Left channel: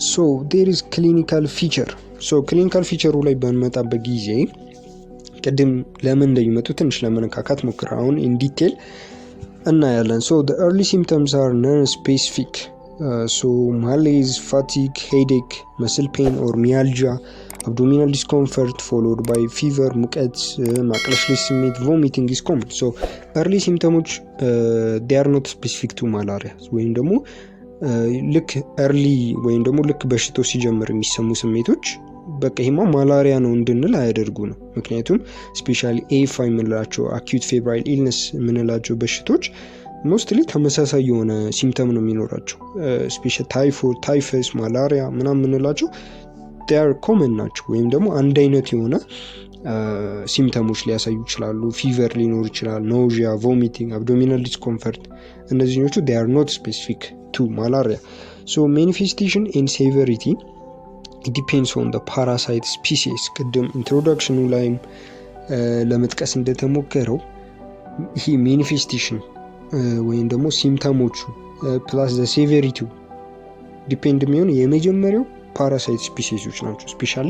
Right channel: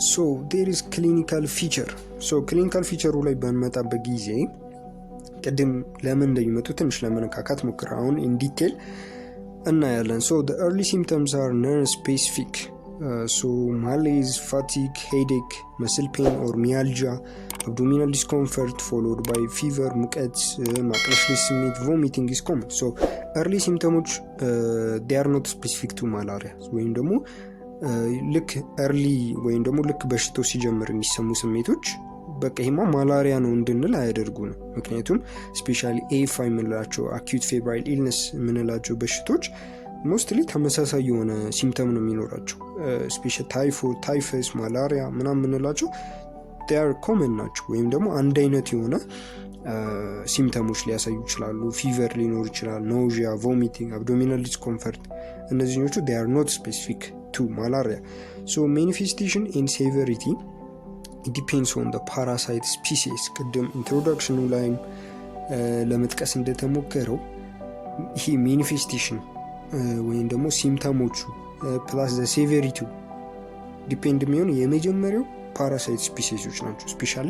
So there is clinical feature. So clinical feature ላይ በንመጣበት ጊዜ ቅድም ለምን እንደሚመጡ ትንሽ ለመነካካት ሞክራ አሁን in detail እናያለን። So the early symptoms are non-specific. So malaise, fatigue, headache, muscle pain or myalgia, abdominal discomfort followed by fever, ሙቀት፣ ማቅለሽለሽ ስሜት, vomiting is common. So early symptoms they are not specific to malaria ወይም ደግሞ ልክ early ወይም ደግሞ ልክ በሽታው ሲጀምር የሚሰሙ ስሜቶች በቃ ይሄማ ማላሪያ ነው እንድንል አያደርጉ ነው። ምክንያቱም ስፔሻሊ AFI የምንላቸው acute febrile illness የምንላቸው በሽቶች ሞስትሊ ተመሳሳይ የሆነ ሲምፕተም ነው የሚኖራቸው። ስፔሻሊ ታይፎይድ፣ ታይፈስ፣ ማላሪያ ምናምን የምንላቸው they are common ናቸው ወይም ደግሞ አንድ አይነት የሆነ ሲምፕተሞች ሊያሳዩ ይችላሉ። ፊቨር ሊኖር ይችላል፣ nausea, vomiting, abdominal discomfort እነዚህኞቹ they are not specific to malaria. So manifestation and severity it depends on the parasite species. ቅድም ኢንትሮዳክሽኑ ላይም ለመጥቀስ እንደተሞከረው ይሄ ማኒፌስቴሽን ወይም ደግሞ ሲምፕተሞቹ ፕላስ ዘ ሴቨሪቲ ዲፔንድ የሚሆነው የመጀመሪያው ፓራሳይት ስፒሲሶች ናቸው። ስፔሻሊ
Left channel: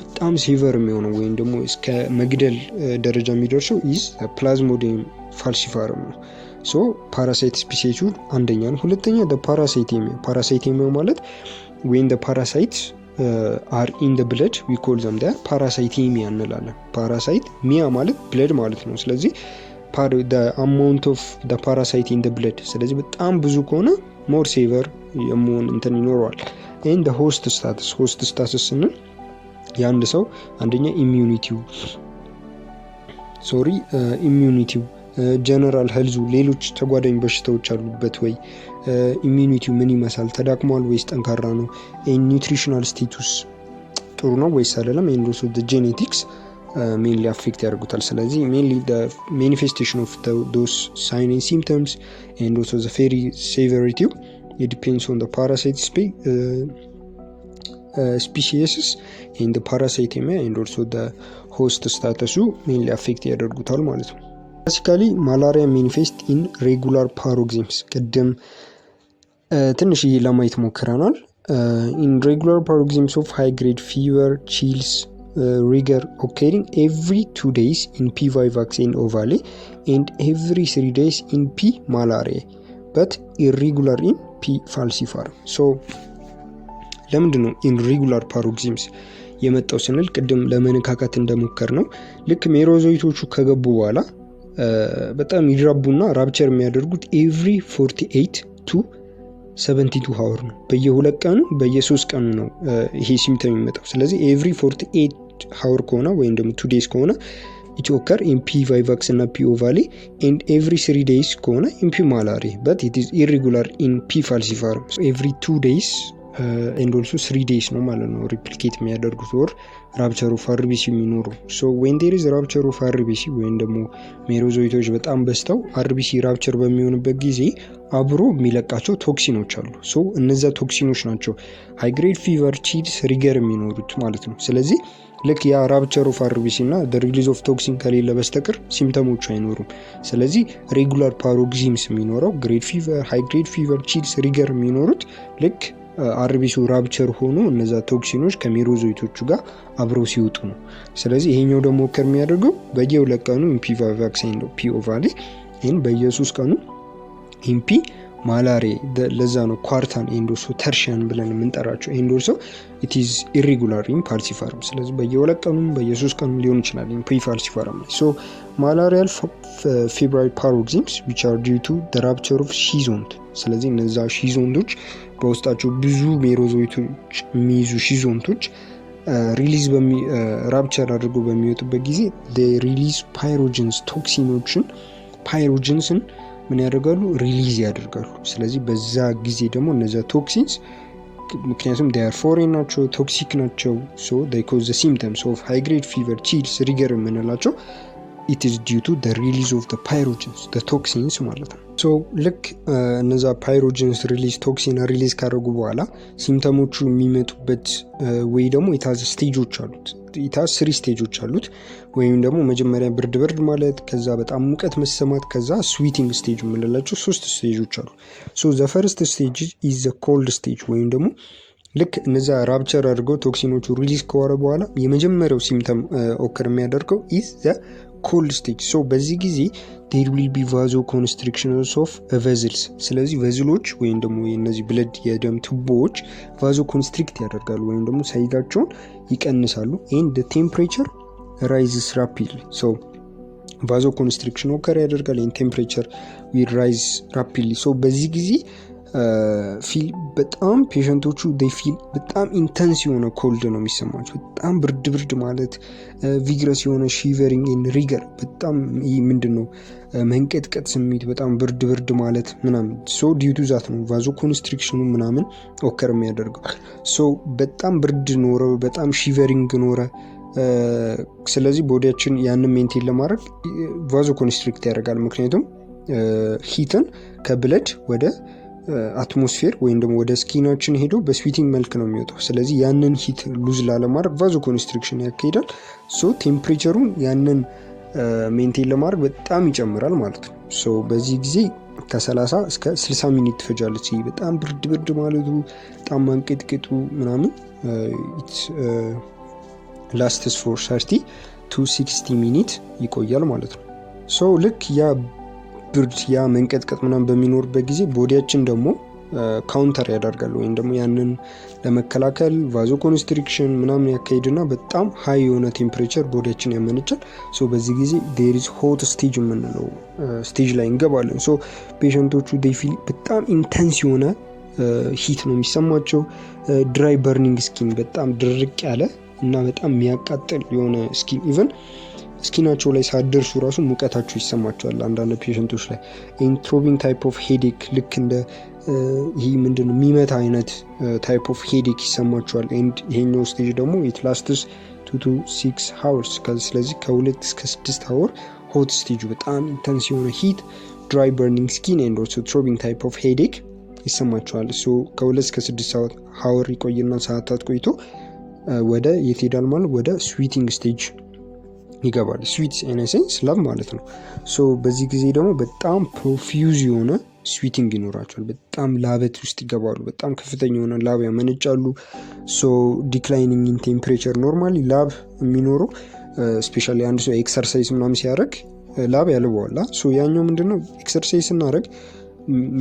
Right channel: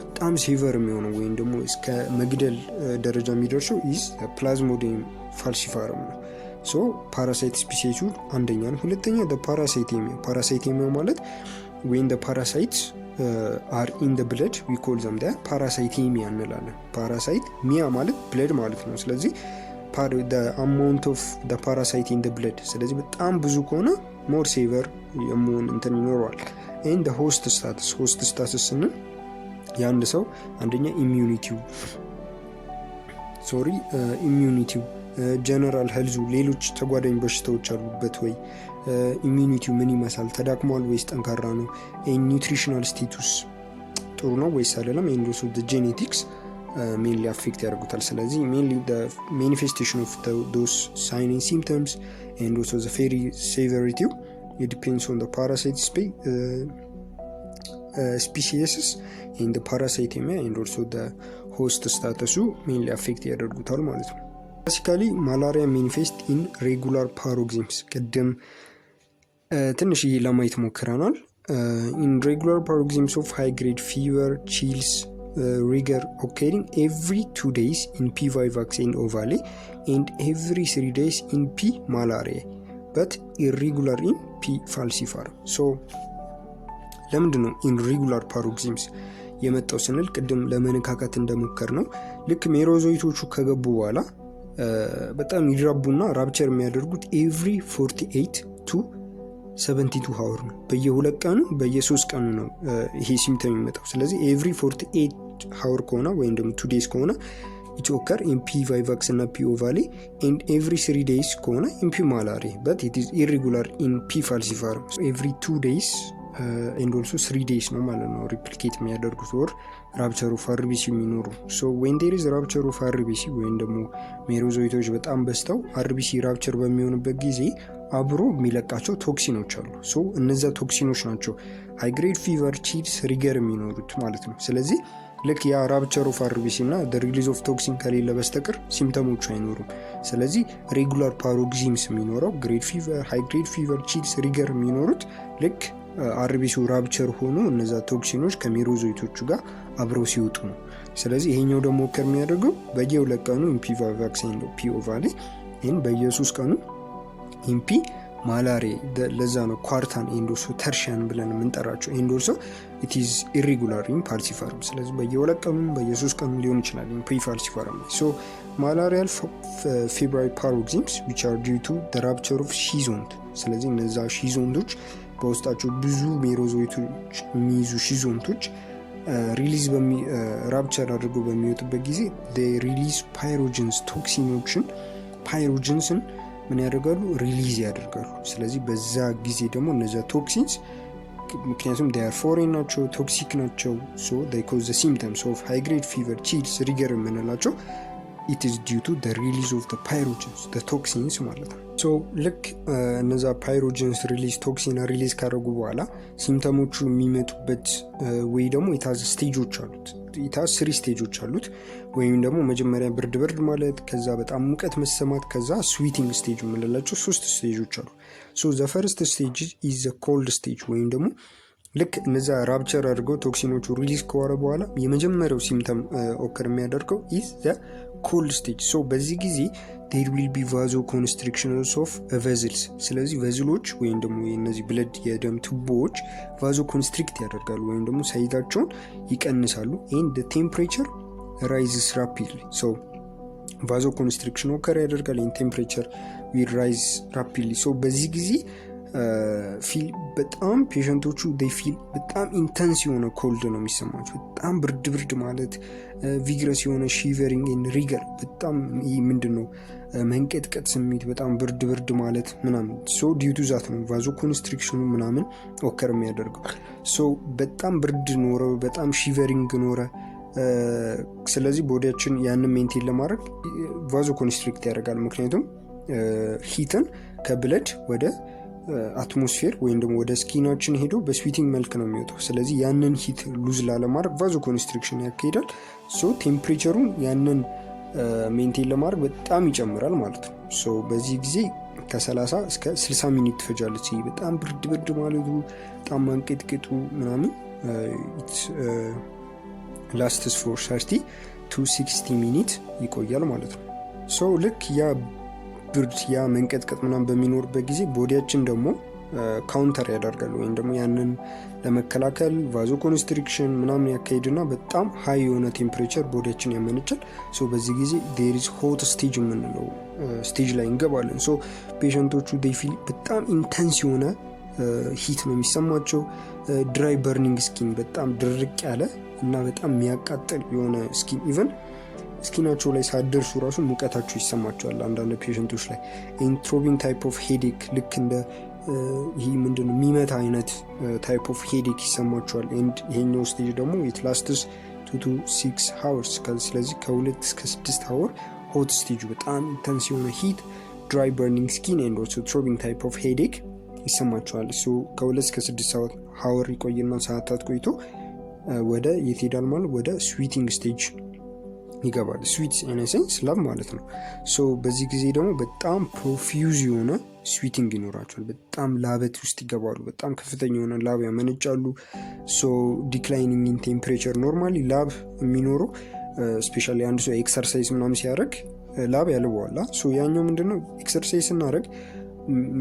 በጣም ሴቨር የሚሆነው ወይም ደግሞ እስከ መግደል ደረጃ የሚደርሰው ኢዝ ፕላዝሞዲየም ፋልሲፋረም ነው። ሶ ፓራሳይት ስፒሲሱ አንደኛ ነው። ሁለተኛ ፓራሳይቴሚያ። ፓራሳይቴሚያ ማለት when the parasites are in the blood we call them the parasitemia እንላለን። ፓራሳይት ሚያ ማለት ብለድ ማለት ነው። ስለዚህ the amount of the parasite in the blood ስለዚህ በጣም ብዙ ከሆነ more severe የመሆን እንትን ይኖረዋል። and the host status ስንል የአንድ ሰው አንደኛ ኢሚዩኒቲው ጀነራል ሄልዙ ሌሎች ተጓዳኝ በሽታዎች አሉበት ወይ፣ ኢሚዩኒቲው ምን ይመስላል፣ ተዳክሟል ወይስ ጠንካራ ነው፣ ኒውትሪሽናል ስቴቱስ ጥሩ ነው ወይስ አይደለም፣ and also the genetics mainly affect ያደርጉታል። ስለዚህ mainly the manifestation of those signs and symptoms and also the very severity it depends on the parasite species and the parasitemia and also the host status mainly affect ያደርጉታል ማለት ነው። Basically malaria manifests in regular paroxysms. ቅድም ትንሽ ለማየት ሞክረናል። in regular paroxysms of high grade fever, chills, rigor occurring every 2 days in P. vivax and ovale and every 3 days in P. malariae but irregular in P. falciparum. So ለምንድን ነው irregular paroxysms የመጣው ስንል ቅድም ለመነካካት እንደሞከር ነው ልክ ሜሮዞይቶቹ ከገቡ በኋላ በጣም ይራቡና ራፕቸር የሚያደርጉት ኤቭሪ 48 to 72 hour ነው። በየ2 ቀኑ በየ3 ቀኑ ነው ይሄ ሲምፕተም የሚመጣው። ስለዚህ ኤቭሪ 48 hour ከሆነ ወይም ደግሞ 2 days ከሆነ it occur in P. vivax እና P. ovale and every 3 days ከሆነ in P. malariae but it is irregular in P. falciparum. So every 2 days and also 3 days ነው ማለት ነው ሪፕሊኬት የሚያደርጉት ወር ራፕቸር ኦፍ አርቢሲ የሚኖሩ። ሶ when there is rupture of RBC ወይም ደግሞ ሜሮዞይቶች በጣም በዝተው አርቢሲ ራፕቸር በሚሆንበት ጊዜ አብሮ የሚለቃቸው ቶክሲኖች አሉ። ሶ እነዛ ቶክሲኖች ናቸው ሃይ ግሬድ ፊቨር፣ ቺልስ፣ ሪገር የሚኖሩት ማለት ነው። ስለዚህ ልክ ያ ራፕቸር ኦፍ አርቢሲ እና the release of toxin ከሌለ በስተቀር ሲምፕተሞቹ አይኖሩም። ስለዚህ ሬጉላር ፓሮክሲዝምስ የሚኖረው ግሬድ ፊቨር፣ ሃይ ግሬድ ፊቨር፣ ቺልስ፣ ሪገር የሚኖሩት ልክ አርቢሱ ራፕቸር ሆኖ እነዛ ቶክሲኖች ከሜሮዞይቶቹ ጋር አብረው ሲወጡ ነው። ስለዚህ ይሄኛው ደግሞ ከሚያደርገው በየ2 ቀኑ P. vivax and P. ovale and በየ3 ቀኑ P. malariae ለዛ ነው ኳርታን and also tertian ብለን የምንጠራቸው and also it is irregular in falciparum። ስለዚህ በየ2 ቀኑ በየ3 ቀኑ ሊሆን ይችላል P. falciparum። so malarial febrile paroxysms which are due to the rupture of ሺዞንት። ስለዚህ እነዛ ሺዞንቶች በውስጣቸው ብዙ ሜሮዞይቶች የሚይዙ ሺዞንቶች ሪሊዝ ራፕቸር አድርጎ በሚወጡበት ጊዜ they release pyrogens ቶክሲኖችን ፓይሮጀንስን ምን ያደርጋሉ ሪሊዝ ያደርጋሉ። ስለዚህ በዛ ጊዜ ደግሞ እነዛ ቶክሲንስ ምክንያቱም they are foreign ናቸው ቶክሲክ ናቸው so they cause the symptoms of high grade fever, chills, rigor የምንላቸው it is due to the release of the pyrogens the toxins ማለት ነው። ሶ ልክ እነዛ ፓይሮጀንስ ሪሊዝ ቶክሲን ሪሊዝ ካደረጉ በኋላ ሲምፕተሞቹ የሚመጡበት ወይ ደግሞ ኢታዝ ስቴጆች አሉት። ኢታዝ 3 ስቴጆች አሉት። ወይም ደግሞ መጀመሪያ ብርድ ማለት፣ ከዛ በጣም ሙቀት መሰማት፣ ከዛ ስዊቲንግ ስቴጅ የምንላቸው 3 ስቴጆች አሉ። ሶ ዘ ፈርስት ስቴጅ ኢዝ ዘ ኮልድ ስቴጅ ወይም ደግሞ ልክ እነዛ ራፕቸር አድርገው ቶክሲኖቹ ሪሊዝ ከወረ በኋላ የመጀመሪያው ሲምተም ኦከር የሚያደርገው ኢዝ ዘ ኮልድ ስቴጅ። ሶ በዚህ ጊዜ ዴር ዊል ቢ ቫዞ ኮንስትሪክሽንስ ኦፍ ቨዝልስ። ስለዚህ ቨዝሎች ወይም ደግሞ እነዚህ ብለድ የደም ቱቦዎች ቫዞ ኮንስትሪክት ያደርጋሉ ወይም ደግሞ ሳይዛቸውን ይቀንሳሉ። ኤንድ ቴምፕሬቸር ራይዝስ ራፒድሊ። ሶ ቫዞ ኮንስትሪክሽን ኦከር ያደርጋል። ኤንድ ቴምፕሬቸር ዊል ራይዝ ራፒድሊ። ሶ በዚህ ጊዜ ፊል በጣም ፔሸንቶቹ ፊል በጣም ኢንተንስ የሆነ ኮልድ ነው የሚሰማቸው። በጣም ብርድ ማለት ቪግረስ የሆነ ሺቨሪንግ ሪገር በጣም ይህ ምንድን ነው መንቀጥቀጥ ስሜት በጣም ብርድ ማለት ምናምን። ሶ ዲዩቱ ዛት ነው ቫዞ ኮንስትሪክሽኑ ምናምን ኦከር የሚያደርገው። ሶ በጣም ብርድ ኖረ፣ በጣም ሺቨሪንግ ኖረ። ስለዚህ ቦዲያችን ያንን ሜንቴን ለማድረግ ቫዞ ኮንስትሪክት ያደርጋል። ምክንያቱም ሂትን ከብለድ ወደ አትሞስፌር ወይም ደግሞ ወደ ስኪናችን ሄዶ በስዊቲንግ መልክ ነው የሚወጣው። ስለዚህ ያንን ሂት ሉዝ ላለማድረግ ቫዞ ኮንስትሪክሽን ያካሂዳል። ሶ ቴምፕሬቸሩን ያንን ሜንቴን ለማድረግ በጣም ይጨምራል ማለት ነው። ሶ በዚህ ጊዜ ከ30 እስከ 60 ሚኒት ትፈጃለች። በጣም ብርድ ማለቱ በጣም ማንቀጥቅጡ ምናምን ላስትስ ፎር 30 to 60 ሚኒት ይቆያል ማለት ነው። ሶ ልክ ያ ብርድ ያ መንቀጥቀጥ ምናምን በሚኖርበት ጊዜ ቦዲያችን ደግሞ ካውንተር ያደርጋል ወይም ደግሞ ያንን ለመከላከል ቫዞ ኮንስትሪክሽን ምናምን ያካሂድና በጣም ሀይ የሆነ ቴምፕሬቸር ቦዲያችን ያመነጫል። ሶ በዚህ ጊዜ ዴር ኢዝ ሆት ስቴጅ የምንለው ስቴጅ ላይ እንገባለን። ሶ ፔሸንቶቹ ፊል በጣም ኢንተንስ የሆነ ሂት ነው የሚሰማቸው። ድራይ በርኒንግ ስኪን በጣም ድርቅ ያለ እና በጣም የሚያቃጥል የሆነ ስኪን ኢቨን ስኪናቸው ላይ ሳደርሱ ራሱ ሙቀታቸው ይሰማቸዋል አንዳንድ ፔሸንቶች ላይ። ኢንትሮቢንግ ታይፕ ኦፍ ሄዴክ ልክ እንደ ይህ ምንድነው የሚመታ አይነት ታይፕ ኦፍ ሄዴክ ይሰማቸዋል። ኤንድ ይሄኛው ስቴጅ ደግሞ ኢት ላስትስ 2 to 6 hours። ስለዚህ ከ2 እስከ 6 አወር ሆት ስቴጁ በጣም ኢንተንስ የሆነ ሂት፣ ድራይ በርኒንግ ስኪን ኤንድ ኦልሶ ትሮቢንግ ታይፕ ኦፍ ሄዴክ ይሰማቸዋል። ሶ ከ2 እስከ 6 አወር ይቆይና ሰዓታት ቆይቶ ወደ የት ሄዳል ማለት ወደ ስዊቲንግ ስቴጅ ይገባል። ስዊት ኢነሴንስ ላቭ ማለት ነው። ሶ በዚህ ጊዜ ደግሞ በጣም ፕሮፊውዝ የሆነ ስዊቲንግ ይኖራቸዋል። በጣም ላበት ውስጥ ይገባሉ። በጣም ከፍተኛ የሆነ ላብ ያመነጫሉ። ሶ ዲክላይኒንግ ኢን ቴምፕሬቸር ኖርማሊ ላብ የሚኖረው ስፔሻሊ አንድ ሰው ኤክሰርሳይዝ ምናምን ሲያደርግ ላብ ያልበዋላ። ሶ ያኛው ምንድነው ኤክሰርሳይዝ ስናደርግ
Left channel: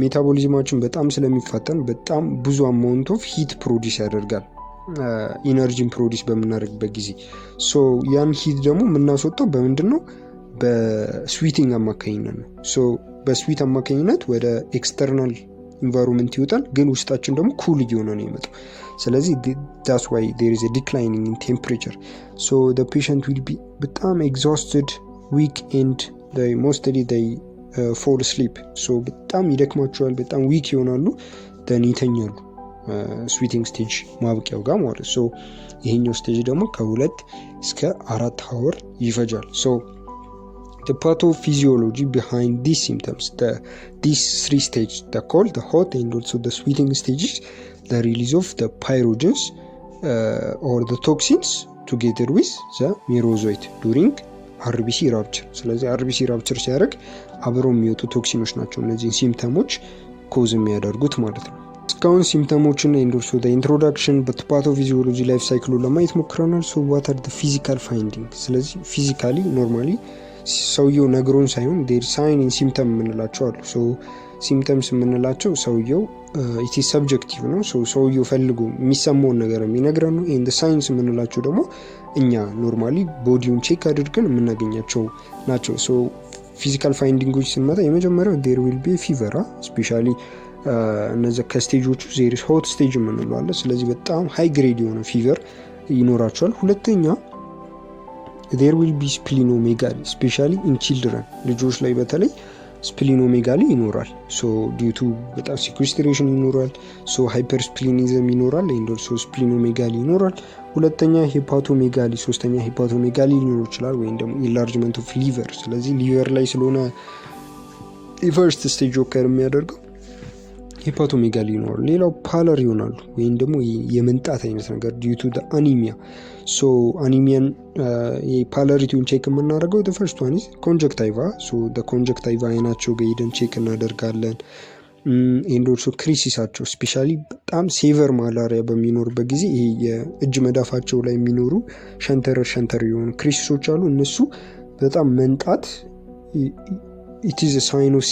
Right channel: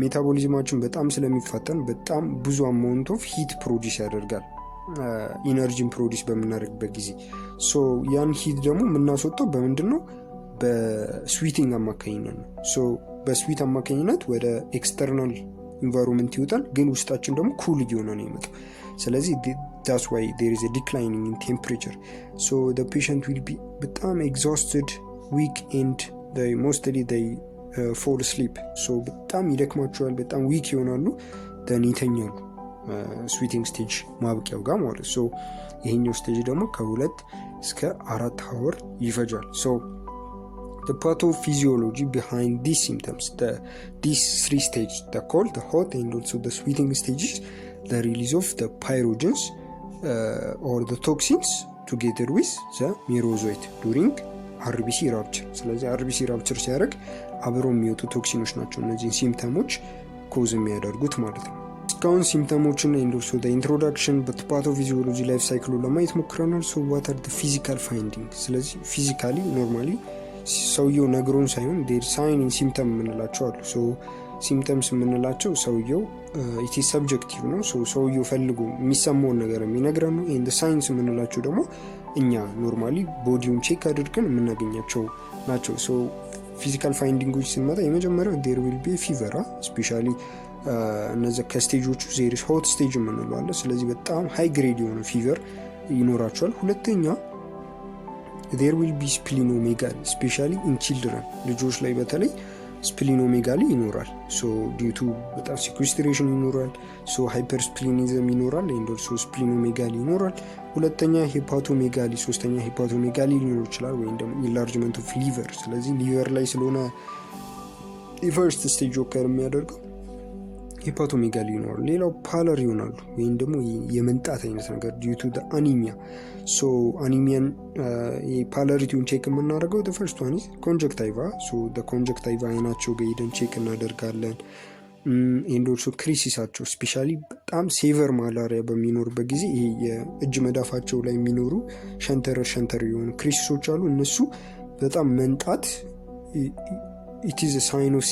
ሜታቦሊዝማችን በጣም ስለሚፋጠን በጣም ብዙ አማውንት ኦፍ ሂት ፕሮዲስ ያደርጋል ኢነርጂን ፕሮዲስ በምናደርግበት ጊዜ። ሶ ያን ሂት ደግሞ የምናስወጣው በምንድን ነው? በስዊቲንግ አማካኝነት ነው። ሶ በስዊት አማካኝነት ወደ ኤክስተርናል ኢንቫይሮንመንት ይወጣል፣ ግን ውስጣችን ደግሞ ኩል እየሆነ ነው የመጣው። ስለዚህ that's why there is a declining in temperature. So the patient will be በጣም exhausted, weak and mostly they fall asleep. So በጣም ይደክማቸዋል፣ በጣም ዊክ ይሆናሉ፣ then ይተኛሉ ስዊቲንግ ስቴጅ ማብቂያው ጋር ማለት። ሶ ይሄኛው ስቴጅ ደግሞ ከ2 እስከ 4 አወር ይፈጃል። ሶ the pathophysiology behind these symptoms, these 3 stages, the cold, the hot and also the sweating stages, the release of the pyrogens or the toxins together with the merozoite during RBC rupture. ስለዚህ RBC rupture ሲያደርግ አብረው የሚወጡ ቶክሲኖች ናቸው እነዚህን ሲምፕተሞች ኮዝ የሚያደርጉት ማለት ነው። እስካሁን ሲምፕተሞችን ኤንዶርሶ ኢንትሮዳክሽን በፓቶፊዚዮሎጂ ላይፍ ሳይክሉ ለማየት ሞክረናል። ሶ ዋት አር ፊዚካል ፋይንዲንግ። ስለዚህ ፊዚካሊ ኖርማሊ ሰውየው ነግሮን ሳይሆን ዴር ሳይን ኢን ሲምፕተም የምንላቸው አሉ። ሶ ሲምፕተምስ የምንላቸው ሰውየው ኢት ኢዝ ሰብጀክቲቭ ነው። ሶ ሰውየው ፈልጎ የሚሰማውን ነገር የሚነግረን ነው። ኤንድ ሳይንስ የምንላቸው ደግሞ እኛ ኖርማሊ ቦዲውን ቼክ አድርገን የምናገኛቸው ናቸው። ሶ ፊዚካል ፋይንዲንጎች ስንመጣ የመጀመሪያው ዴር ዊል ቢ ፊቨር ስፔሻሊ እነዚህ ከስቴጆቹ ዜሪስ ሆት ስቴጅ የምንለው አለ። ስለዚህ በጣም ሃይ ግሬድ የሆነ ፊቨር ይኖራቸዋል። ሁለተኛ there will be splenomegaly especially in children ልጆች ላይ በተለይ ስፕሊኖሜጋሊ ይኖራል። ሶ ዲዩ ቱ በጣም ሲኩስትሬሽን ይኖራል። ሶ ሃይፐርስፕሊኒዝም ይኖራል ኤንድ ኦልሶ ስፕሊኖሜጋሊ ይኖራል። ሁለተኛ ሄፓቶሜጋሊ፣ ሶስተኛ ሄፓቶሜጋሊ ሊኖር ይችላል ወይም ደግሞ ኢንላርጅመንት ኦፍ ሊቨር። ስለዚህ ሊቨር ላይ ስለሆነ የፈርስት ስቴጅ ኦከር የሚያደርገው ሄፓቶሜጋሊ ይኖራል። ሌላው ፓለር ይሆናሉ ወይም ደግሞ የመንጣት አይነት ነገር ዲዩ ቱ አኒሚያ። ሶ አኒሚያን የፓለሪቲውን ቼክ የምናደርገው the first one is conjunctiva. so the conjunctiva አይናቸው ጋር ሄደን ቼክ እናደርጋለን። ኤንድ ኦልሶ ክሪሲሳቸው ስፔሻሊ በጣም ሴቨር ማላሪያ በሚኖርበት ጊዜ ይሄ የእጅ መዳፋቸው ላይ የሚኖሩ ሸንተር የሆኑ ክሪሲሶች አሉ። እነሱ በጣም መንጣት ኢት ኢዝ ሳይን ኦፍ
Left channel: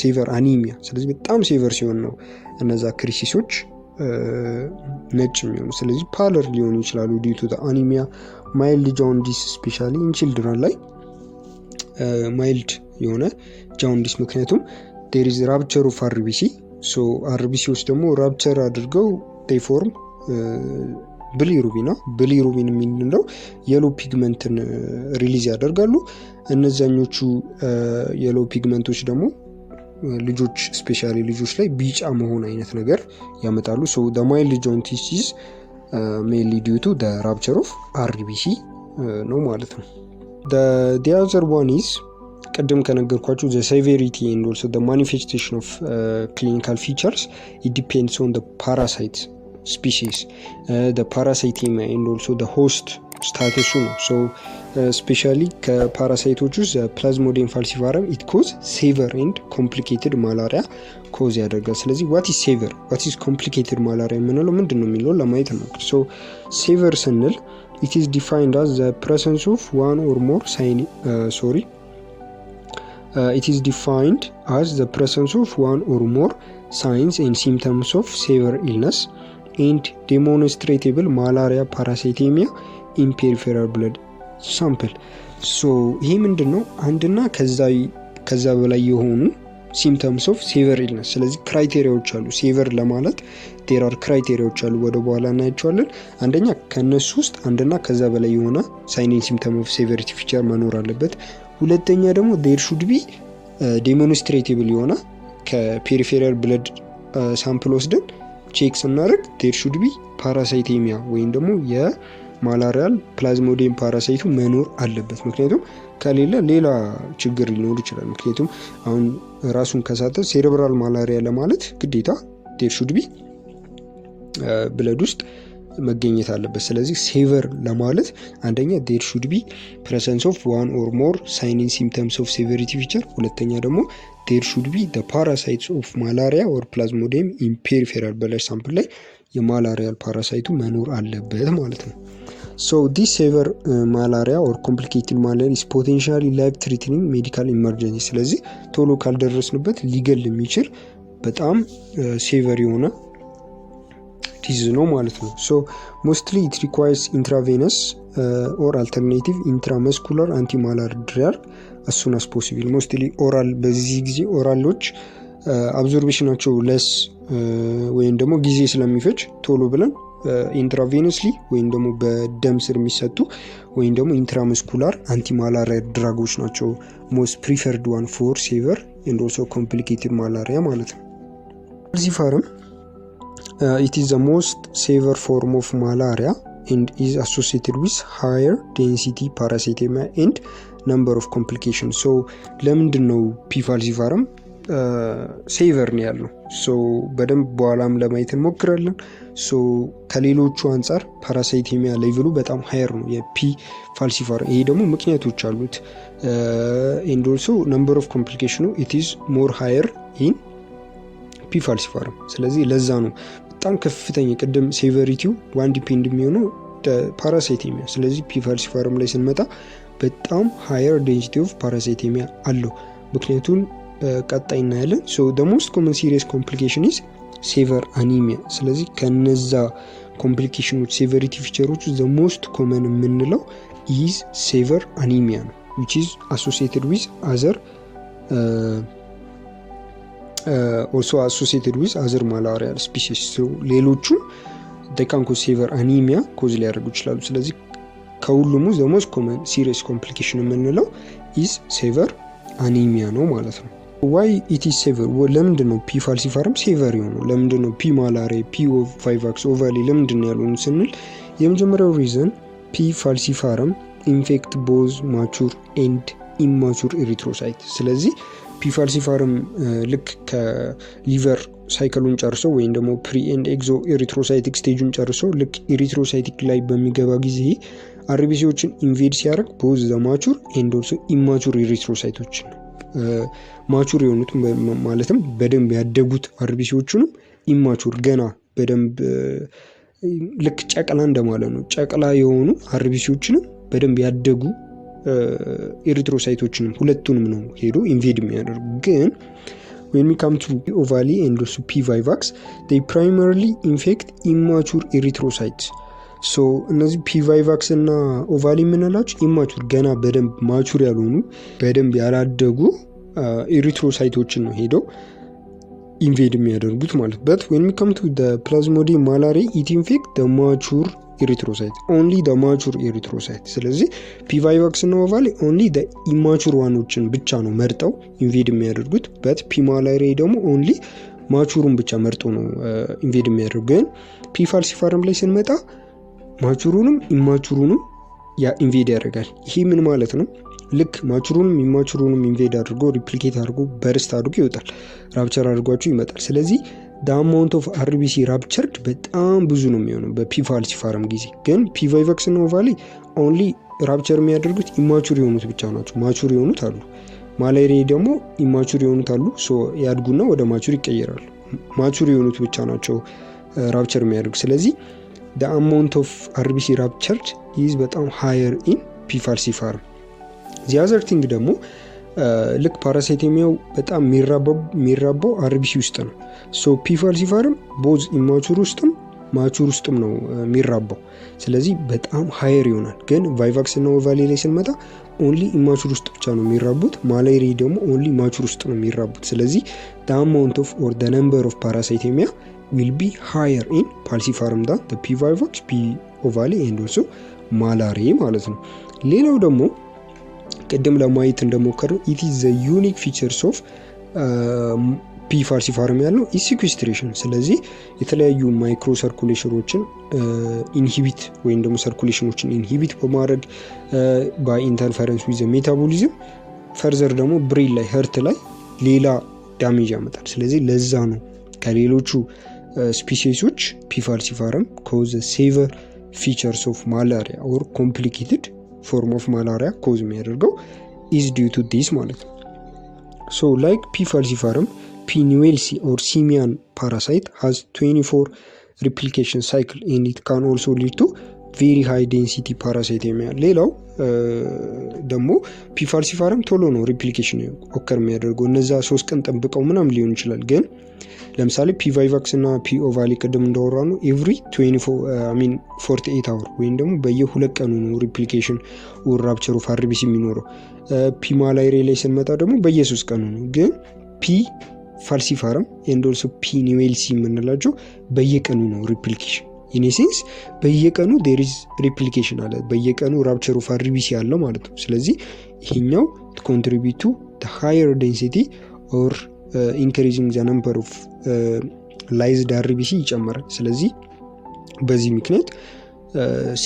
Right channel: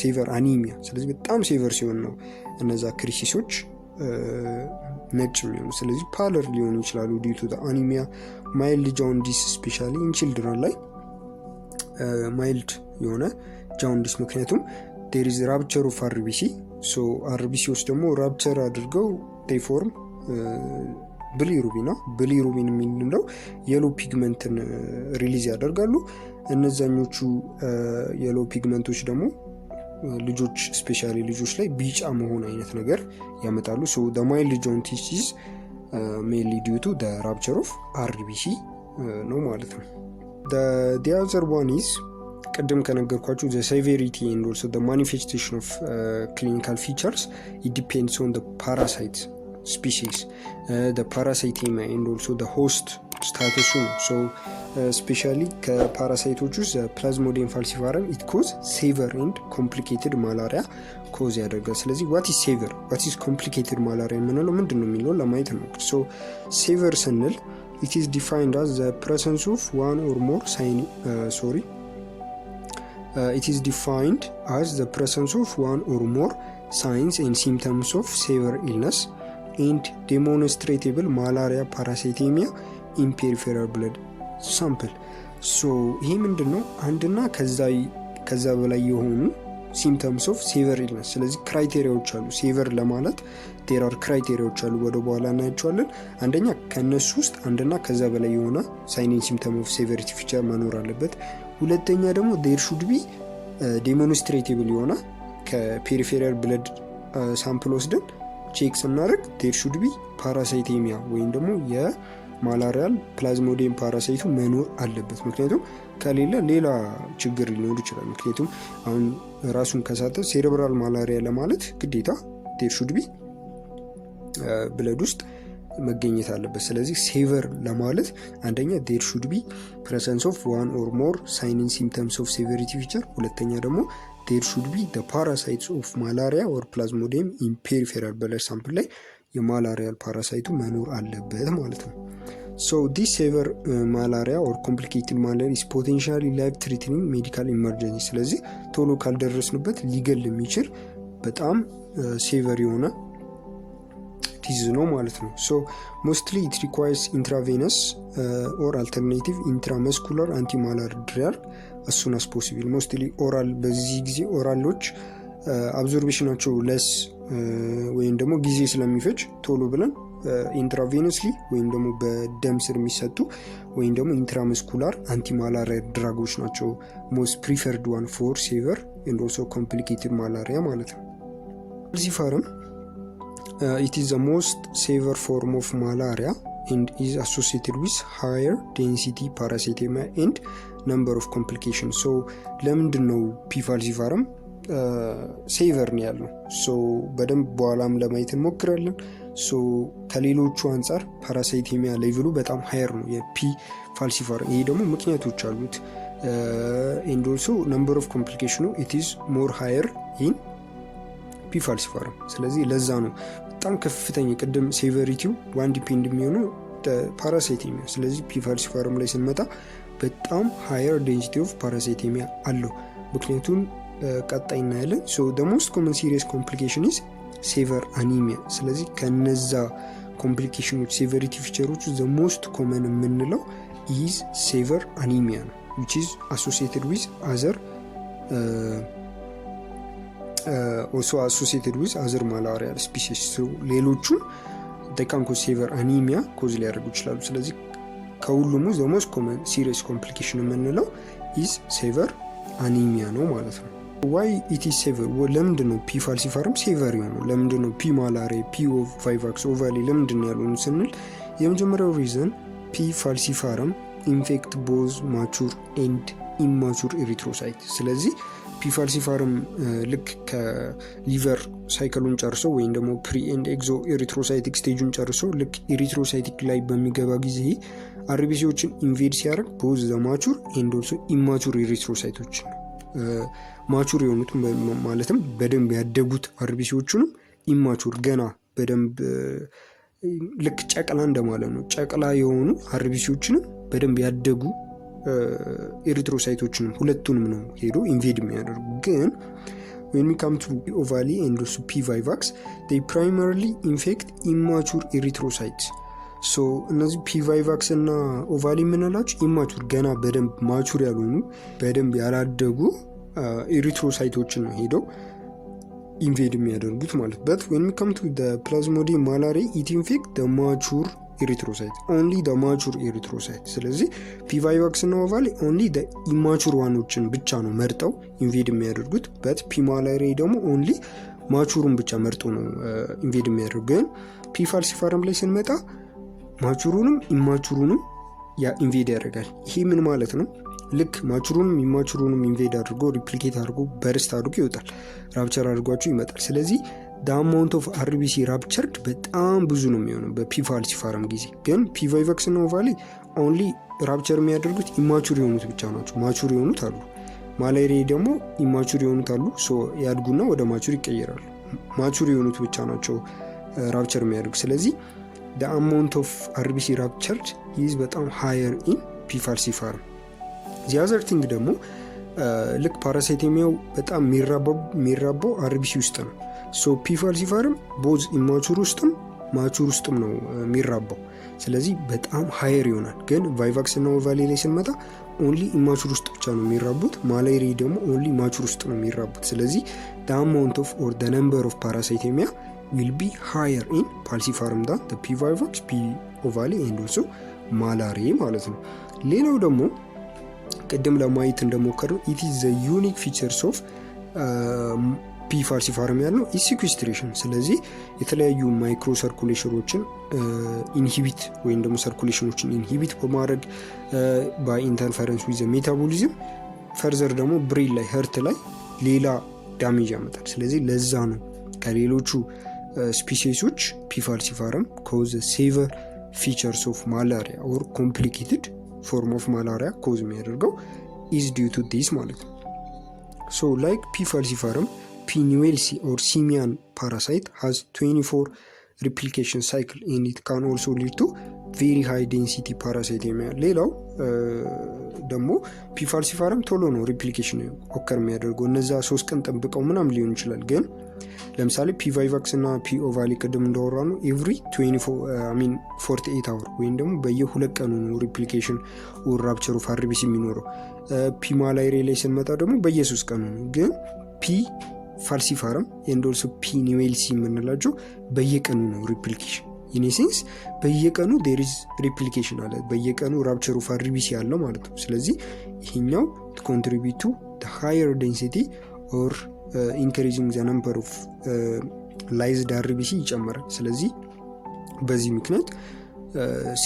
ሴቨር አኒሚያ። ስለዚህ በጣም ሴቨር ሲሆን ነው እነዛ ክሪሲሶች ነጭ የሚሆኑ። ስለዚህ ፓለር ሊሆኑ ይችላሉ ዲዩ ቱ አኒሚያ። ማይልድ ጃውንዲስ ስፔሻሊ ኢን ቺልድረን ላይ ማይልድ የሆነ ጃውንዲስ፣ ምክንያቱም ዴር ኢዝ ራፕቸር ኦፍ አርቢሲ። ሶ አርቢሲዎች ደግሞ ራፕቸር አድርገው ዴይ ፎርም ብሊሩቢን ነው። ብሊሩቢን የምንለው የሎ ፒግመንትን ሪሊዝ ያደርጋሉ። እነዛኞቹ የሎ ፒግመንቶች ደግሞ ልጆች ስፔሻሊ ልጆች ላይ ቢጫ መሆን አይነት ነገር ያመጣሉ። ሶ the mild jaundice is mainly due to the rupture of RBC ነው ማለት ነው። the other one is ቅድም ከነገርኳችሁ the severity and also the manifestation of clinical features, it depends on the parasite species, the parasitemia and also the host ስታተሱ ነው። ሶ ስፔሻሊ ከፓራሳይቶች ውስጥ ፕላዝሞዲየም ፋልሲፓረም ኢት ኮዝ ሴቨር ኤንድ ኮምፕሊኬትድ ማላሪያ ኮዝ ያደርጋል። ስለዚህ ዋት ኢዝ ሴቨር ዋት ኢዝ ኮምፕሊኬትድ ማላሪያ የምንለው ምንድን ነው የሚለው ለማየት ነው። ሶ ሴቨር ስንል ኢት ኢዝ ዲፋይንድ አዝ ዘ ፕሬዘንስ ኦፍ ዋን ኦር ሞር it is defined as the presence of one or more signs and symptoms of severe illness and demonstrable malaria parasitemia in peripheral blood sample. so ይሄ ምንድነው? አንድና ከዛ በላይ የሆኑ symptoms of severe illness። ስለዚህ ክራይቴሪያዎች አሉ ሴቨር ለማለት there are ክራይቴሪያዎች አሉ፣ ወደ በኋላ እናያቸዋለን። አንደኛ ከነሱ ውስጥ አንድና ከዛ በላይ የሆነ sign and symptom of severity feature መኖር አለበት። ሁለተኛ ደግሞ there should be demonstrable የሆነ ከፔሪፌራል ብለድ ሳምፕል ወስደን ቼክ ስናደርግ there should be parasitemia ወይም ደግሞ የማላሪያል ፕላዝሞዲየም ፓራሳይቱ መኖር አለበት። ምክንያቱም ከሌለ ሌላ ችግር ሊኖር ይችላል። ምክንያቱም አሁን ራሱን ከሳተ ሴሬብራል ማላሪያ ለማለት ግዴታ there should be ብለድ ውስጥ መገኘት አለበት። ስለዚህ ሴቨር ለማለት አንደኛ there should be presence of one or more signs and symptoms of severity feature፣ ሁለተኛ ደግሞ there should be the parasites of malaria or plasmodium in peripheral blood sample ላይ የማላሪያል ፓራሳይቱ መኖር አለበት ማለት ነው። so this severe malaria or complicated malaria is potentially life threatening medical emergency። ስለዚህ ቶሎ ካልደረስንበት ሊገል የሚችል በጣም ሴቨር የሆነ ዲዝ ነው ማለት ነው። so mostly it requires intravenous or alternative intramuscular antimalarial drug as soon as possible። mostly oral በዚህ ጊዜ ኦራሎች አብዞርቤሽናቸው ለስ ወይም ደግሞ ጊዜ ስለሚፈጅ ቶሎ ብለን ኢንትራቬነስሊ ወይም ደግሞ በደም ስር የሚሰጡ ወይም ደግሞ ኢንትራመስኩላር አንቲማላሪያ ድራጎች ናቸው ሞስት ፕሪፈርድ ዋን ፎር ሴቨር ኤንድ ኦልሶ ኮምፕሊኬትድ ማላሪያ ማለት ነው። ፋልሲፓረም it is the most severe form of malaria and is associated with higher density parasitemia and number of complications። so ለምንድን ነው ፒ ፋልሲፓረም ሴቨር ነው ያለው? so በደንብ በኋላም ለማየት እንሞክራለን። so ከሌሎቹ አንጻር ፓራሳይቴሚያ ሌቭሉ በጣም ሃየር ነው የፒ ፋልሲፓረም። ይሄ ደግሞ ምክንያቶች አሉት and also number of complication it is more higher in ፒ ፋልሲፓረም። ስለዚህ ለዛ ነው በጣም ከፍተኛ ቅድም ሴቨሪቲው ዋን ዲፔንድ የሚሆነው ፓራሳይቴሚያ። ስለዚህ ፒ ፋልሲፓረም ላይ ስንመጣ በጣም ሃየር ዴንሲቲ ኦፍ ፓራሳይቴሚያ አለው። ምክንያቱም ቀጣይ እናያለን። so the most common serious complication is severe anemia። ስለዚህ ከነዛ ኮምፕሊኬሽኖች ሴቨሪቲ ፊቸሮች the most common የምንለው is severe anemia ነው which is associated with other also associated with other malarial species። so ሌሎቹ they can cause severe anemia ኮዝ ሊያደርጉ ይችላሉ። ስለዚህ ከሁሉም the most common serious complication የምንለው is severe anemia ነው ማለት ነው። why it is severe? ለምንድን ነው ፒ ፋልሲፓረም ሴቨር የሆነው? ለምንድን ነው ፒ ማላሪያ ፒ ቫይቫክስ ኦቫሊ ለምንድን ነው ያልሆኑ ስንል የመጀመሪያው ሪዝን ፒ ፋልሲፓረም ኢንፌክት ቦዝ ማቹር ኤንድ ኢማቹር ኤሪትሮሳይት። ስለዚህ ፒ ፋልሲፓረም ልክ ከሊቨር ሳይክሉን ጨርሶ ወይም ደግሞ ፕሪ ኤንድ ኤግዞ ኤሪትሮሳይቲክ ስቴጁን ጨርሶ ልክ ኤሪትሮሳይቲክ ላይ በሚገባ ጊዜ አርቢሲዎችን ኢንቬድ ሲያደርግ ቦዝ ዘ ማቹር ኤንድ ኦልሶ ኢማቹር ኤሪትሮሳይቶችን ማቹር የሆኑት ማለትም በደንብ ያደጉት አርቢሲዎቹንም ኢማቹር ገና በደንብ ልክ ጨቅላ እንደማለት ነው። ጨቅላ የሆኑ አርቢሲዎችንም በደንብ ያደጉ ኤሪትሮሳይቶችንም ሁለቱንም ነው ሄዶ ኢንቬድ የሚያደርጉ። ግን when we come to ovale and also P. vivax, they primarily infect immature erythrocytes. so እነዚህ P. vivax እና ኦቫሊ የምንላቸው ኢማቹር ገና በደንብ ማቹር ያልሆኑ በደንብ ያላደጉ ኤሪትሮሳይቶችን ነው ሄደው ኢንቬድ የሚያደርጉት ማለት። but when we come to the plasmodium malariae, it infect the mature erythrocyte, only the mature erythrocyte. ስለዚህ P. vivax እና ኦቫሊ only the immature ዋኖችን ብቻ ነው መርጠው ኢንቬድ የሚያደርጉት። but P. malariae ደግሞ only ማቹሩን ብቻ መርጦ ነው ኢንቬድ የሚያደርጉት። ግን P. falciparum ላይ ስንመጣ ማቹሩንም ኢማቹሩንም ያ ኢንቬድ ያደርጋል። ይሄ ምን ማለት ነው? ልክ ማቹሩንም ኢማቹሩንም ኢንቬድ አድርጎ ሪፕሊኬት አድርጎ በርስት አድርጎ ይወጣል፣ ራፕቸር አድርጓቸው ይመጣል። ስለዚህ the amount of RBC ruptured በጣም ብዙ ነው የሚሆነው በፒ ፋልሲፓረም ጊዜ። ግን P. vivax እና ኦቫሊ ኦንሊ ራፕቸር የሚያደርጉት ኢማቹር የሆኑት ብቻ ናቸው። ማቹር የሆኑት አሉ። ማላሪያ ደግሞ ኢማቹር የሆኑት አሉ። ሶ ያድጉና ወደ ማቹር ይቀየራሉ። ማቹር የሆኑት ብቻ ናቸው ራፕቸር የሚያደርጉት። ስለዚህ the amount of RBC ruptured is በጣም higher in P. falciparum። the other thing ደግሞ ልክ ፓራሳይቶሚያው በጣም የሚራባው አርቢሲ ውስጥ ነው። ሶ P. falciparum ቦዝ ኢማቹር ውስጥም ማቹር ውስጥም ነው የሚራባው። ስለዚህ በጣም ሃየር ይሆናል። ግን ቫይቫክስ እና ኦቫሊ ላይ ስንመጣ ኦንሊ ኢማቹር ውስጥ ብቻ ነው የሚራቡት። ማላሪያ ደግሞ ኦንሊ ማቹር ውስጥ ነው የሚራቡት። ስለዚህ the amount of or the number of parasitemia will be higher in falciparum than the P. vivax, P. ovale and also malaria ማለት ነው። ሌላው ደግሞ ቅድም ለማየት እንደሞከረው it is the unique features of P. falciparum ያለው is sequestration። ስለዚህ የተለያዩ ማይክሮ ሰርኩሌሽኖችን ኢንሂቢት ወይም ደግሞ ሰርኩሌሽኖችን ኢንሂቢት በማድረግ by interference with the metabolism ፈርዘር ደግሞ ብሬን ላይ ሄርት ላይ ሌላ ዳሜጅ ያመጣል። ስለዚህ ለዛ ነው ከሌሎቹ ስፒሲሶች P. falciparum cause severe features of malaria or complicated form of malaria cause የሚያደርገው is due to this ማለት ነው። so like P. falciparum, P. newellsi or simian parasite has 24 replication cycle and it can also lead to very high density parasitemia። ሌላው ደግሞ P. falciparum ቶሎ ነው ሪፕሊኬሽን ኦከር የሚያደርገው። እነዛ 3 ቀን ጠብቀው ምናምን ሊሆን ይችላል። ግን ለምሳሌ P. vivax እና P. ovale ቅድም እንዳወራ ነው every 48 hour ወይም ደግሞ በየ2 ቀኑ ነው ሪፕሊኬሽን or rupture of RBC የሚኖረው። P. malaria ላይ ስንመጣ ደግሞ በየ3 ቀኑ ነው። ግን P. falciparum and also P. newellsi የምንላቸው በየቀኑ ነው ሪፕሊኬሽን። in a sense በየቀኑ there is replication አለ፣ በየቀኑ rupture of RBC አለ ማለት ነው። ስለዚህ ይሄኛው contribute to the higher density or increasing the number of lysed RBC ይጨምራል። ስለዚህ በዚህ ምክንያት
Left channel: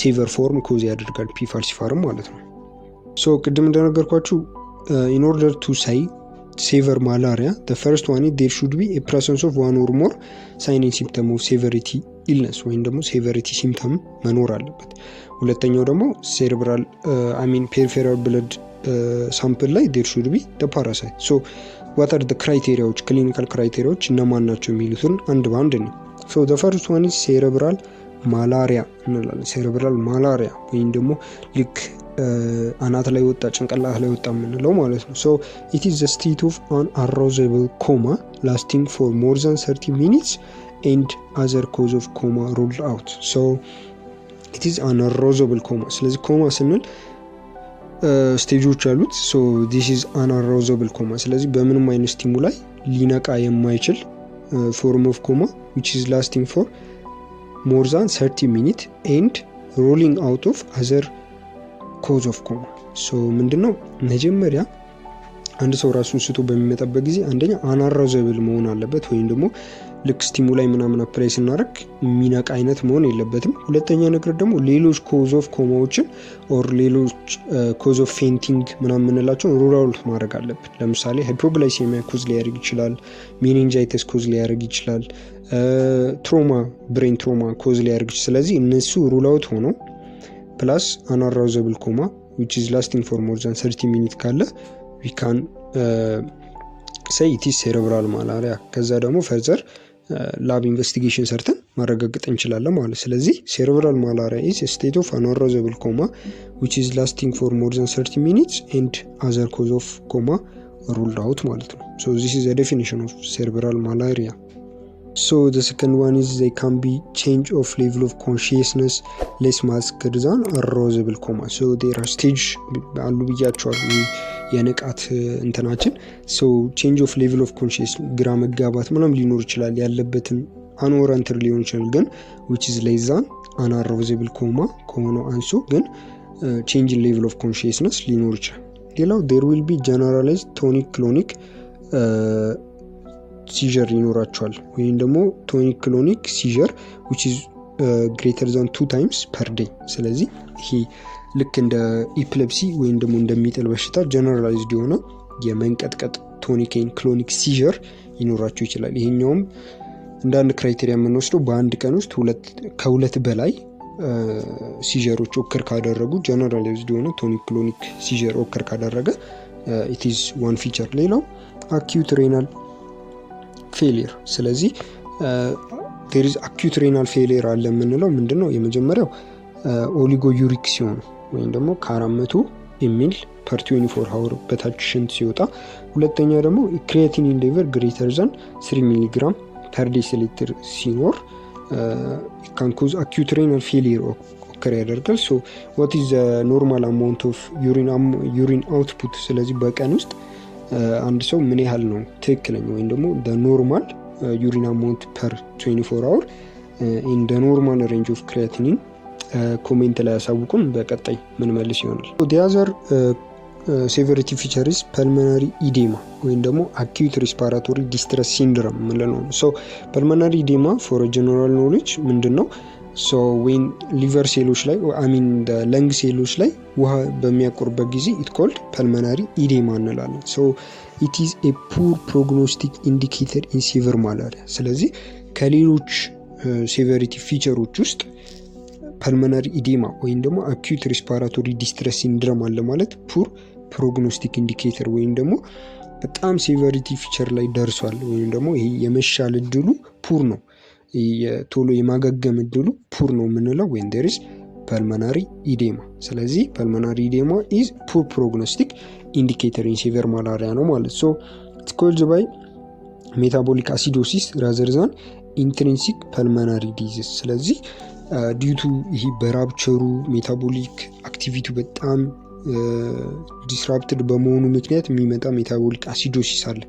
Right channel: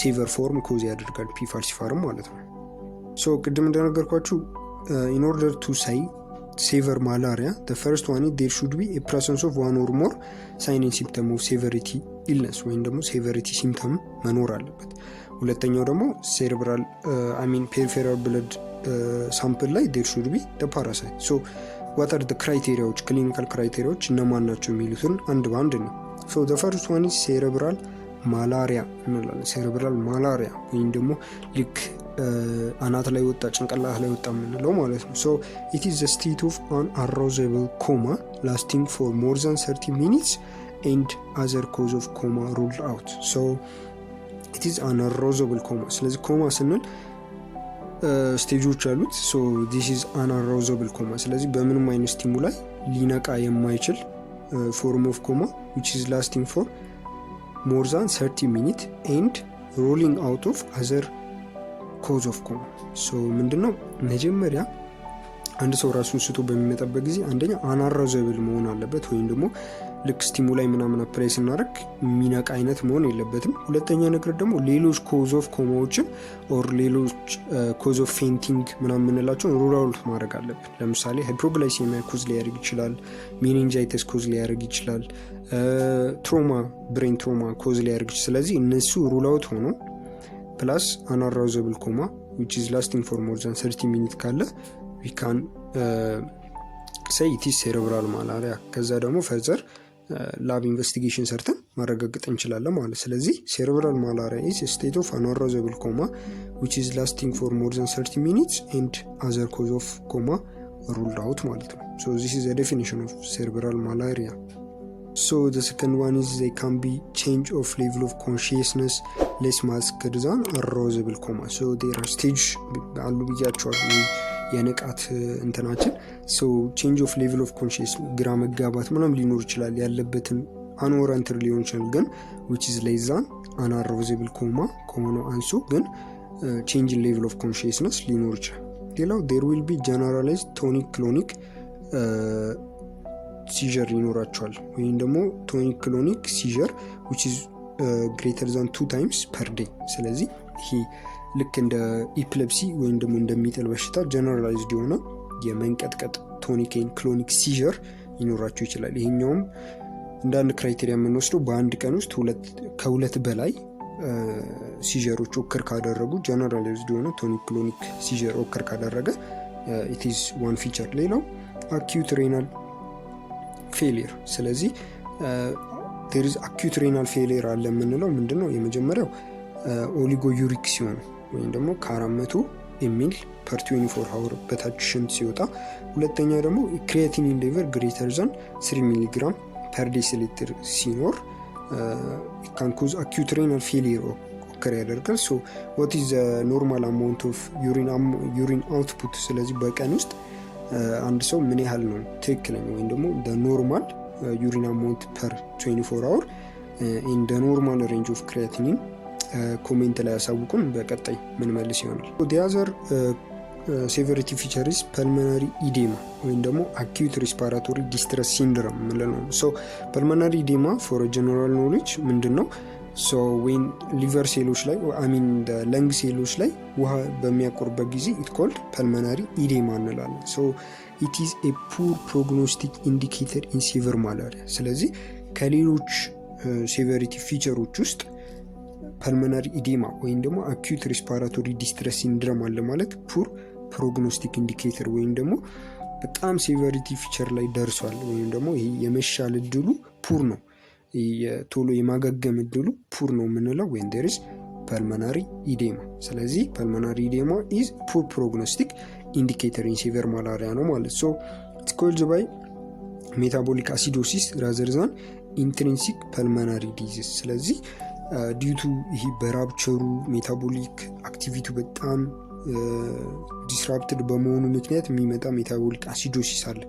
severe form cause ያደርጋል P. falciparum ማለት ነው። so ቅድም እንደነገርኳችሁ in order to say severe malaria, the first one is there should be a presence of one or more sign and symptom of severity illness ወይም ደግሞ severity symptom መኖር አለበት። ሁለተኛው ደግሞ cerebral peripheral blood sample ላይ there should be the parasite። so what are the criteria clinical criteria እነማን ናቸው የሚሉትን አንድ ባንድ ነው። so the first one is cerebral malaria እንላለን። cerebral malaria ወይም ደግሞ ልክ አናት ላይ ወጣ ጭንቅላት ላይ ወጣ የምንለው ማለት ነው። so it is the state of an arousable coma lasting for more than 30 minutes and other cause of coma ruled out። so it is an arousable coma። ስለዚህ ኮማ ስንል ስቴጆች አሉት። so this is an arousable coma። ስለዚህ በምንም አይነት ስቲሙላይ ሊነቃ የማይችል form of coma which is lasting for more than 30 minutes and ruling out of other cause of coma። so ምንድነው መጀመሪያ አንድ ሰው ራሱን ስቶ በሚመጣበት ጊዜ አንደኛ አናራዘብል መሆን አለበት ወይም ደግሞ ልክ ስቲሙላይ ምናምን አፕላይ ስናደርግ የሚነቃ አይነት መሆን የለበትም። ሁለተኛ ነገር ደግሞ ሌሎች ኮዝ ኦፍ ኮማዎችን ኦር ሌሎች ኮዝ ኦፍ ፌንቲንግ ምናምን የምንላቸውን ሩል አውት ማድረግ አለብን። ለምሳሌ ሃይፖግላይሴሚያ ኮዝ ሊያደርግ ይችላል፣ ሜኒንጃይተስ ኮዝ ሊያደርግ ይችላል፣ ትሮማ ብሬን ትሮማ ኮዝ ሊያደርግ ይችላል። ስለዚህ እነሱ ሩል አውት ሆኖ ፕላስ አናራዘብል ኮማ which is lasting for more than 30 minutes ካለ we can say it is cerebral malaria ከዛ ደግሞ ፈርዘር ላብ ኢንቨስቲጌሽን ሰርተን ማረጋገጥ እንችላለን ማለት። ስለዚህ cerebral malaria is a state of unarousable coma which is lasting for more than 30 minutes and other cause of coma ruled out ማለት ነው። so this is a definition of cerebral malaria. so the second one is they can be change of level of consciousness less masked than arousable coma. so there are stage አሉ ብያቸዋለሁ የንቃት እንትናችን። so change of level of consciousness ግራ መጋባት ምናምን ሊኖር ይችላል ያለበትን አንኦረንትድ ሊሆን ይችላል ግን which is less than unarousable coma ከሆነ አንሶ ግን change in level of consciousness ሊኖር ይችላል። ሌላው there will be generalized tonic clonic seizure ይኖራቸዋል ወይም ደግሞ tonic clonic seizure which is greater than 2 times per day። ስለዚህ ይሄ ልክ እንደ ኢፕሌፕሲ ወይም ደግሞ እንደሚጥል በሽታ ጀነራላይዝድ የሆነ የመንቀጥቀጥ ቶኒክ ኤንድ ክሎኒክ ሲዥር ይኖራቸው ይችላል። ይሄኛውም እንደ አንድ ክራይቴሪያ የምንወስደው በአንድ ቀን ውስጥ ከሁለት በላይ ሲዥሮች ኦከር ካደረጉ ጀነራላይዝድ የሆነ ቶኒክ ክሎኒክ ሲዥር ኦከር ካደረገ it is one feature። ሌላው acute renal failure። ስለዚህ there is acute renal failure አለ የምንለው ምንድነው? የመጀመሪያው ኦሊጎዩሪክ ሲሆን ወይም ደግሞ ከ400 ml per 24 hour በታች ሽንት ሲወጣ፣ ሁለተኛ ደግሞ creatinine level greater than 3 mg per deciliter ሲኖር can cause acute renal failure occur ያደርጋል። so what is the normal amount of urine output? ስለዚህ በቀን ውስጥ አንድ ሰው ምን ያህል ነው ትክክለኛ ወይም ደግሞ the normal urine amount per 24 hour in the normal range of creatinine ኮሜንት ላይ ያሳውቁን በቀጣይ ምን መልስ ይሆናል። the other severity feature is pulmonary edema ወይም ደግሞ acute respiratory distress syndrome ምንለው ነው። so pulmonary edema for a general knowledge ምንድነው? so when liver ሴሎች ላይ the lung ሴሎች ላይ ውሃ በሚያቆርበት ጊዜ it called pulmonary edema እንላለን። so it is a poor prognostic indicator in severe malaria። ስለዚህ ከሌሎች severity featureዎች ውስጥ pulmonary edema ወይም ደግሞ acute respiratory distress syndrome አለ ማለት ፑር ፕሮግኖስቲክ ኢንዲኬተር ወይም ደግሞ በጣም ሴቨሪቲ ፊቸር ላይ ደርሷል ወይም ደግሞ ይሄ የመሻል እድሉ ፑር ነው፣ ቶሎ የማገገም እድሉ ፑር ነው የምንለው when there is pulmonary edema። ስለዚህ pulmonary edema is poor prognostic indicator in severe malaria ነው ማለት። so it's caused by metabolic acidosis rather than intrinsic pulmonary disease። ስለዚህ ዲዩ ቱ ይሄ በራፕቸሩ ሜታቦሊክ አክቲቪቲ በጣም ዲስራፕትድ በመሆኑ ምክንያት የሚመጣ ሜታቦሊክ አሲዶሲስ አለ።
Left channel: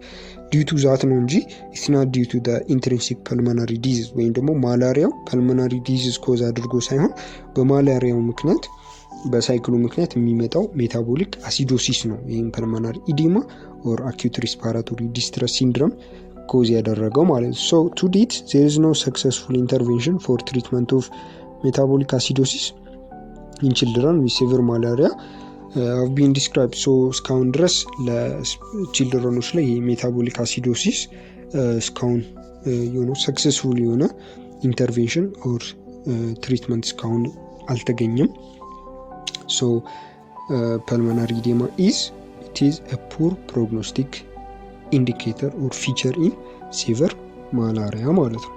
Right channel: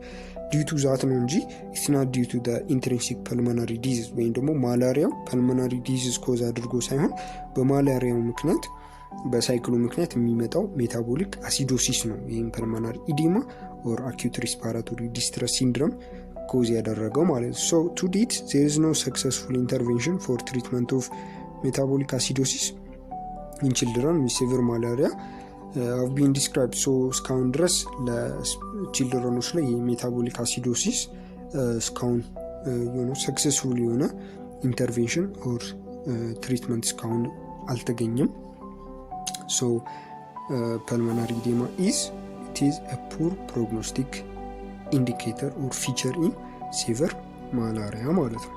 ዲዩ ቱ ዛት ነው እንጂ ኢትስ ናት ዲዩ ቱ ዘ ኢንትሪንሲክ ፐልሞናሪ ዲዚዝ ወይም ደግሞ ማላሪያው ፐልሞናሪ ዲዚዝ ኮዝ አድርጎ ሳይሆን በማላሪያው ምክንያት በሳይክሉ ምክንያት የሚመጣው ሜታቦሊክ አሲዶሲስ ነው ይሄን ፐልሞናሪ ኢዲማ ኦር አኪዩት ሪስፓራቶሪ ዲስትረስ ሲንድሮም ኮዝ ያደረገው ማለት ነው። so to date there is no successful intervention for treatment of metabolic acidosis in children with severe malaria have been described። so እስካሁን ድረስ ለችልድረኖች ላይ ሜታቦሊክ አሲዶሲስ እስካሁን የሆነ ሰክሰስፉል የሆነ ኢንተርቬንሽን ኦር ትሪትመንት እስካሁን አልተገኘም። so pulmonary edema is a poor prognostic indicator or feature in severe malaria ማለት ነው።